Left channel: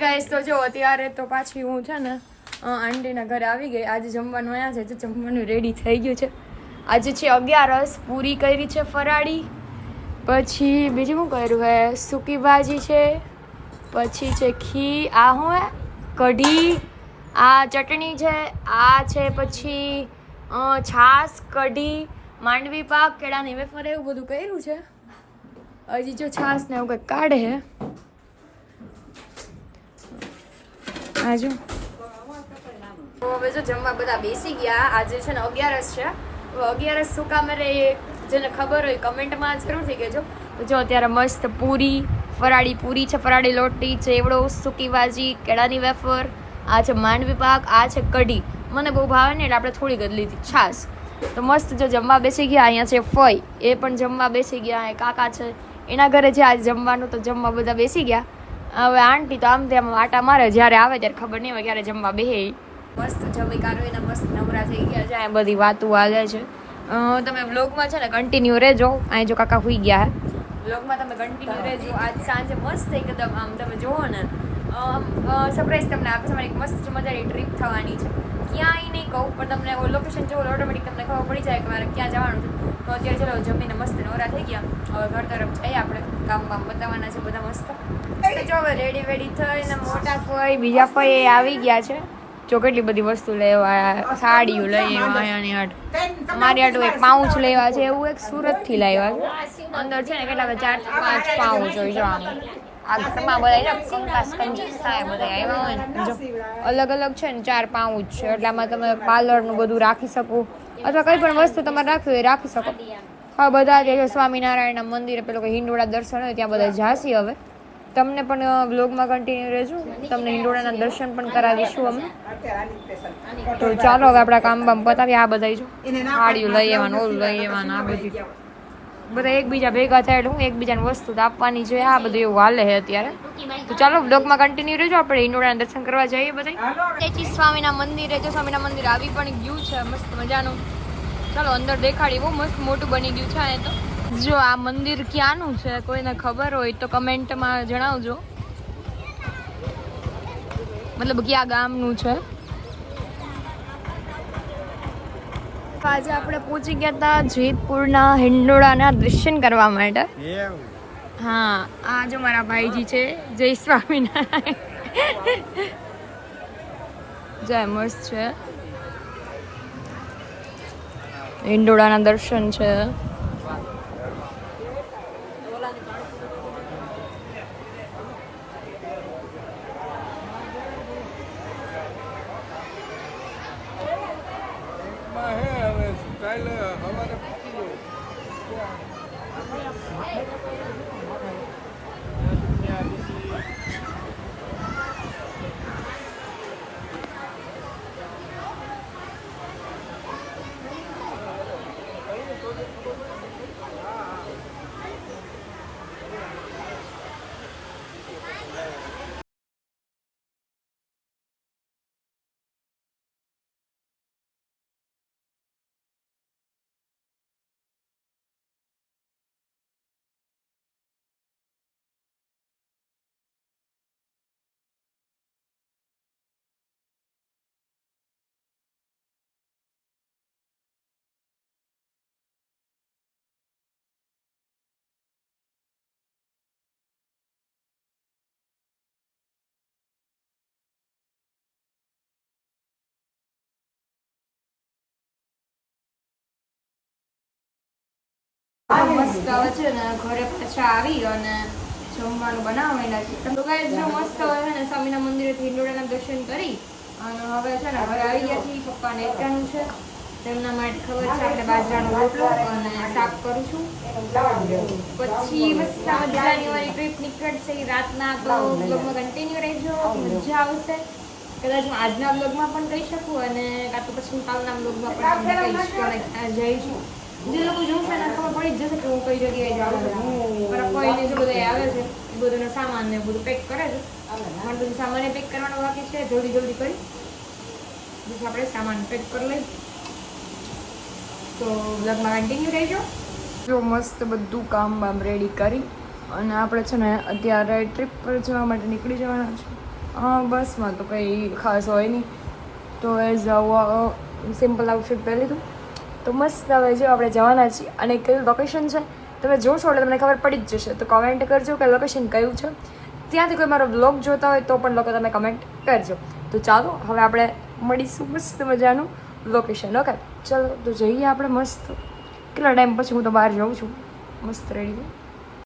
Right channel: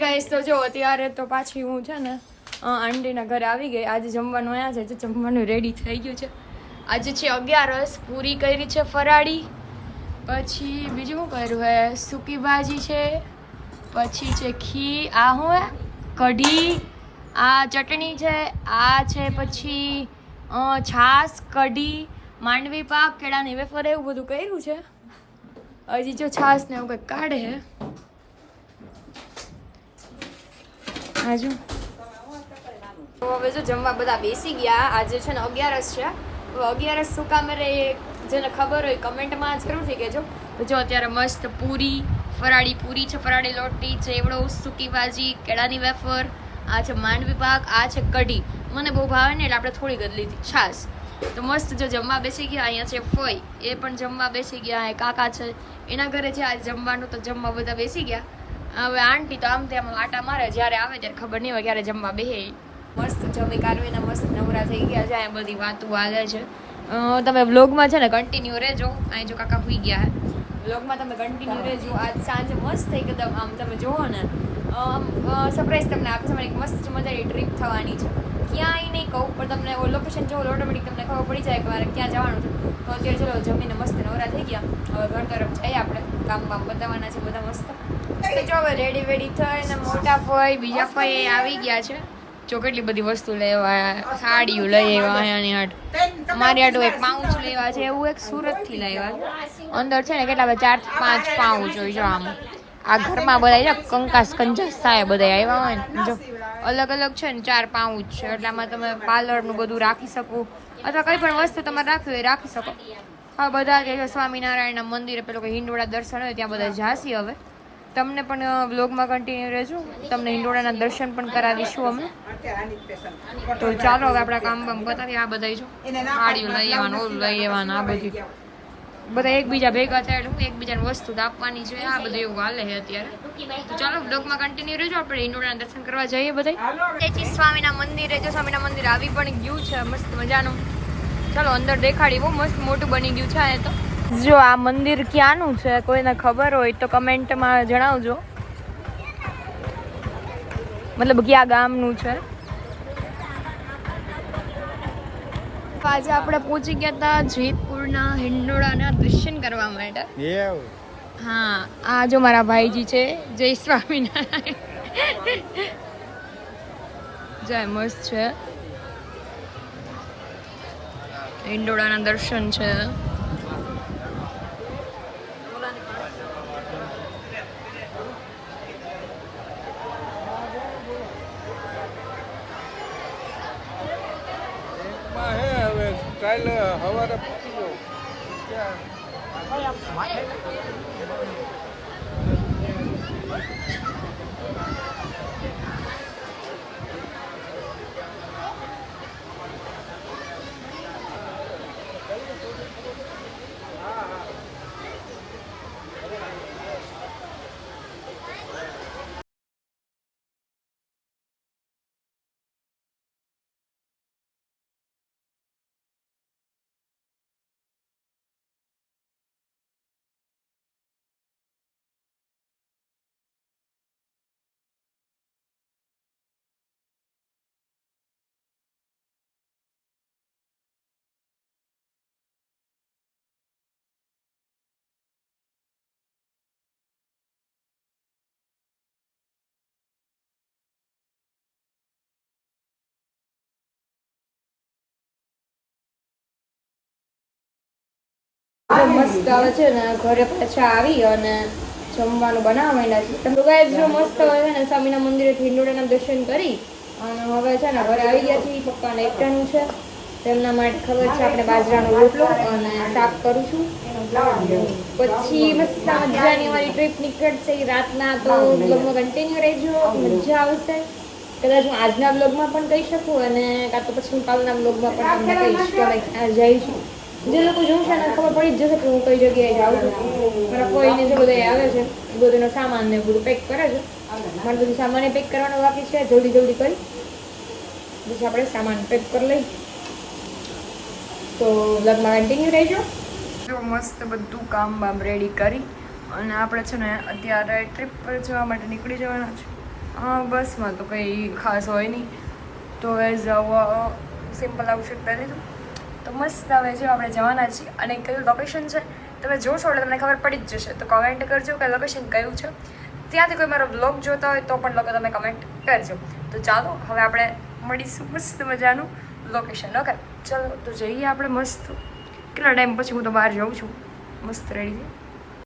Guys તો જો અત્યારે તો પાછી હું છે ને આંટીના ઘરે આવી ગઈ. આજે જમવાનું આવ્યા છે, જમવાનું રેડી થઈ ગયું છે. આજે છે 11 પૂરી કરી છે ફરાળી, પછી બીજું શું કર્યું હે, સૂકી ભાજી છે, પછી છે ખી, આ હું હે કઢી, આ ચટણી છે, આ છે પછી છાશ, કઢી, માંડવી પાક, કેળાની વેફર, એવું બધું કર્યું છે. હજી જો છાશ ને એવું કંઈક કાઢે હે. આજુ હવે જો જમવા બધા બેસી ગયા. આજે છે ને 11 છે. 11 શું કામ રે, જેને ખબર હોય કમેન્ટમાં જરૂરથી કહેજો. જો અત્યારે મસ્ત પૂરી, ફરાળી પૂરી છે, ફરાળી લોટી, ચેવડો, સૂકી ભાજી, કેળાની વેફર, આ છે માંડવી પાક, આ છે કઢી. મને બહુ ભાવે ને એટલે આપણે થોડીક જ લીધી. છાશ તો મસ્ત જો જમવા બેસી ગયા. અહીંયા છે ફઈ, એ પણ જમવા બેસી ગયા. કાકા છે એના ઘરે છે આજે જમવાનું, તો જમવા બધા બેસી ગયા. હવે આંટી તો આમ તેમ આટા મારે, જ્યારે આવે ત્યારે ખબર નહીં હોય ક્યારે જમવા બેહે. મસ્ત જમી કાઢવીને મસ્ત નવરા થઈ ગયા છે. બધી વાતો હાલે છે. તમે વ્લોગમાં છે ને કન્ટિન્યુ રહેજો. અહીં જો કાકા સુઈ ગયા હે, વ્લોગમાં તમે કન્ટિન્યુ રહેજો. આજ સાંજે મસ્ત એકદમ આમ તમે જુઓ ને સરપ્રાઈઝ તમને આપે છે. મારી એક મસ્ત મજાની ટ્રીપ થવાની છે. ક્યાંય નહીં કહું પણ તમને લોકેશન જોવો ઓટોમેટિક તમને ખબર પડી જાય કે મારે ક્યાં જવાનું છે. તો અત્યારે ચલો જમીને મસ્ત નવરા થઈ ગયા. હવે ઘર તરફ જઈએ આપણે, કામ બામ બતાવવાના છે બધા મસ્ત. જો હવે રેડી વેડી થઈને મોટા ફઈ બીજા ફઈ આવી ગયા છે. જો કેટલી બધી વસ્તુ લેવા, સાડીઓ લઈ આવ્યા અહીંયાની હાટ. મારી હાટું એક પાઉચ લેવા છે, એવું એક સુરતથી લાવ્યા છે. અંદર છે ને કેટલા 4-5 પાઉચ હોય. જો આમ આ ઘરમાં બધા જો કંકાસ કંજાસ થાય બધા આવ્યા હોય ને, જો અલગ અલગ છે ને 4 પાઉચ છે. એટલે આમાં તમે પાર્લરનું બધું રાખી શકો, અથવા કંઈ પણ વસ્તુ તમારે રાખવી હોય રાખી શકો. હા બધા જે સ્વામિનારાયણના મંદિરે પેલો કે હિંડોળા દર્શન હોય ત્યાં બધા જાસી. હવે તમને પણ વ્લોગમાં કન્ટિન્યુ રહેજો, તમને હિંડોળાના દર્શન પણ કરાવીશું અમે. તો ચાલો હવે આપણા કામ બામ બતાવીએ. આ બધા જો સાડીઓ લઈ આવવાનું, ઓલું લઈ આવવાનું, આ બધું બધા એકબીજા ભેગા થાય એટલે હું એકબીજાને વસ્તુ આપવાની છે. આ બધું એવું હાલે છે અત્યારે. તો ચાલો વ્લોગમાં કન્ટિન્યુ રહેજો. આપણે હિંડોળાના દર્શન કરવા જઈએ બધા. તેથી સ્વામીના મંદિરે જો સ્વામીના મંદિર આવી પણ ગયું છે મસ્ત મજાનું. ચાલો અંદર દેખાડી, બહુ મસ્ત મોટું બની ગયું છે. આ તો જો આ મંદિર ક્યાંનું છે કોઈને ખબર હોય તો કમેન્ટમાં જણાવજો, મતલબ ક્યાં ગામનું છે. આજે આપણે પહોંચી ગયા હતા જેતપુરના હિંડોળાના દર્શન કરવા માટે. હા આ જો મારા ભાઈજી છે, જય સ્વામિનારાયણ. જય મસ્ત છે, હિંડોળાના દર્શન છે. મસ્ત આવે છે ને ઘરે પાછા આવી અને જમવાનું બનાવવા માંડ્યા છે. તો ગાઈસ જો મસ્ત હવે છે ને સ્વામીના મંદિરેથી હિંડોળાના દર્શન કરી અને હવે છે ને ઘરે આવી ગયા છીએ. પપ્પાને એકટાનું છે, તેમના માટે ખબર છે આપણે બાજરાનો રોટલો અને શાક કરું છું. પછી મસ્ત મજાની અમારી ટ્રીપ નીકળશે રાતના. તો બ્લોગમાં કન્ટિન્યુ રહેજો, મજા આવશે. કદાચ હું આજના બ્લોગમાં પણ કહી શકું અને કાં તો પછી કાલના બ્લોગમાં પણ તમને કહીશ કે અમે ક્યાં જઈશું. જે લોકો જોશે ને ખબર પડી જ જશે કે હું કઈ જગ્યાએ જાઉં છું. મારા કોઈને જે બધા આવે છે એ બધુંનો સામાન ને બધું પેક કરે છે. મારે બધું સામાન પેક કરવાનો બાકી છે. જલ્દી જલ્દી કરી બસ આપણે સામાન પેક કરી લઈએ. તો વ્લોગમાં કન્ટિન્યુ રહેજો. જો મસ્ત બધું કામ બામ રેડી કરી અને આપણે છે ને અત્યારે ટ્રીપ પર જવા માટે નીકળી જવાના છે. હા બસમાં તો કંઈ ખાસ હોય નહીં, તો એઝ સિમ્પલ આઉટફિટ પહેરી લીધું. તો મસ્ત હવે જો આપણે જવાના છીએ, અને કયું લોકેશન છે તમે જોશો એટલે તમને ખબર પડી જ જશે. તો કમેન્ટ કરજો કે લોકેશન કયું છે. ત્યાંથી કોઈ મારો બ્લોગ જોતા હોય તો પણ લોકો તમે કમેન્ટ કરજો. તો ચાલો હવે આપણે મળીશું મસ્ત મજાનું લોકેશન. ઓકે ચલો તો જઈએ આપણે મસ્ત. કેટલા ટાઈમ પછી હું તો બહાર જાઉં છું મસ્ત રેડી.